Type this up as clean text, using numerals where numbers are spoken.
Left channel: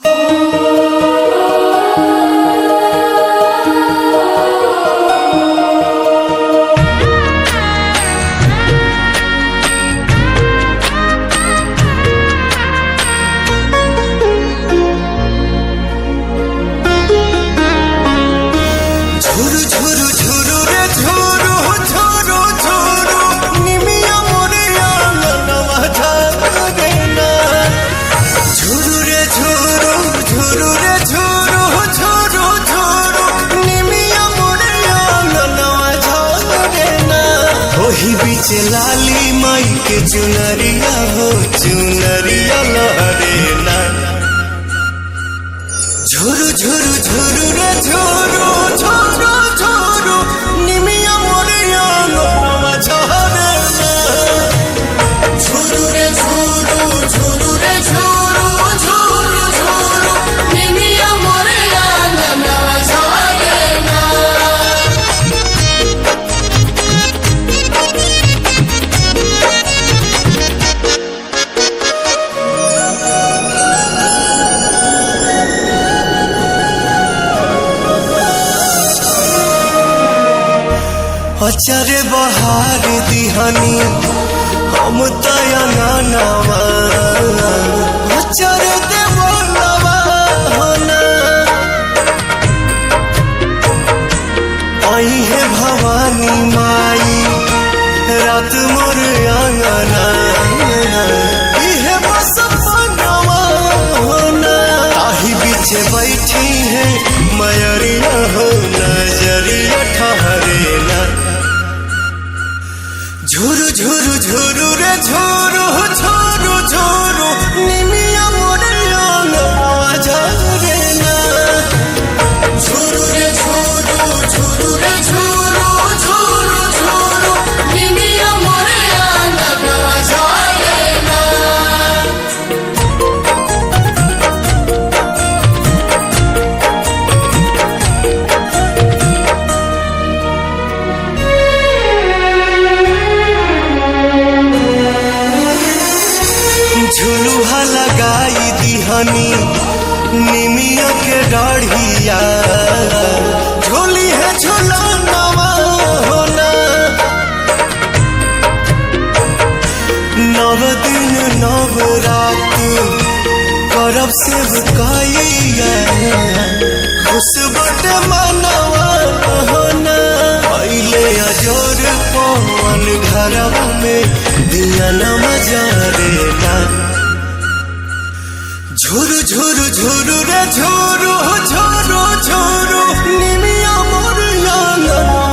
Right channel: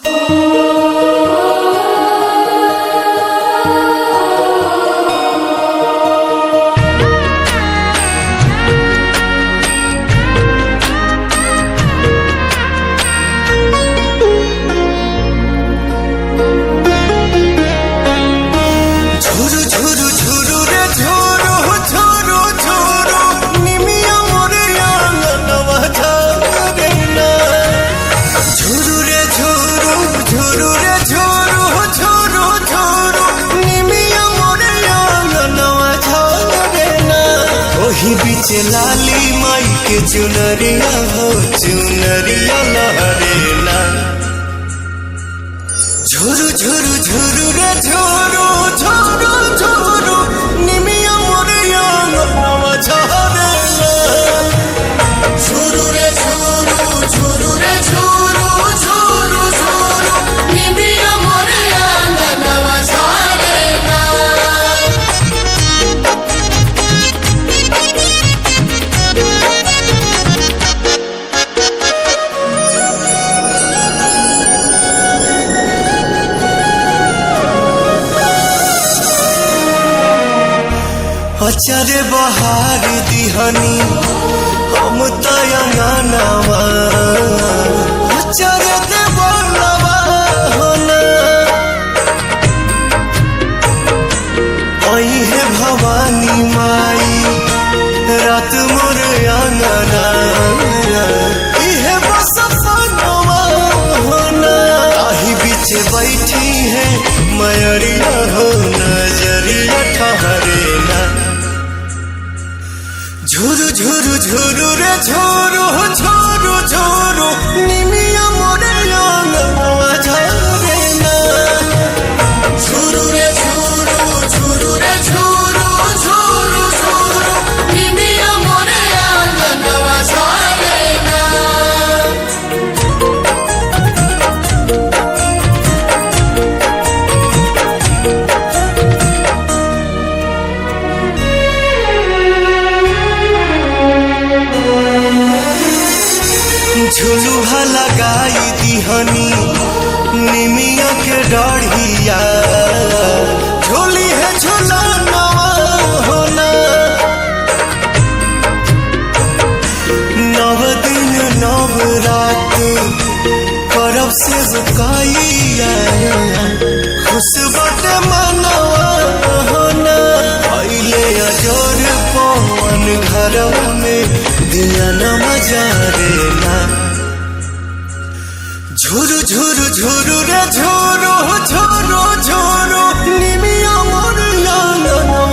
ঝুরু ঝুরু ঝুরু রে ঝুরু ঝুরু ঝুরু নিমিয়া মোরে আঙ্গনवा ঝরে না। ঝুরু রে ঝুরু ঝুরু রে ঝুরু ঝুরু ঝুরু নিমিয়া মোরে আঙ্গনवा ঝরে না। ओही बीच लाली माई के चुनरिया हो चुनरिया लहरे ना। झुरु झुरु झुरु रे झुरु झुरु झुरु निमिया मोरे आंगनवा झरे ना। झुरु रे झुरु झुरु रे झुरु झुरु झुरु निमिया मोरे आंगनवा झरे ना। अचरे बहार दिहनी हम तयंगनवा अचरे देवलवा होना। आई है भवानी माई रात मोर आंगना इहे बस पनवा होना। ताही बीच बैठी है मयरिया हो नजरिया ठहरे ना। झुरु झुरु झुरु रे झुरु झुरु झुरु निमिया मोरे आंगनवा झरे ना। झुरु रे झुरु झुरु रे झुरु झुरु झुरु निमिया मोरे आंगनवा झरे ना। झुलुहा लगाई दिहनी निमिया के डाढ़िया झोली है झुलनवा होना। नव दिन नव रात करब सेवकाइया खुश बटे मनवा होना। पहले अजोर पवन घरवा में दिया न मजारे ना। झुरु झुरु झुरु रे झुरु झुरु झुरु निमिया मोर आंगनवा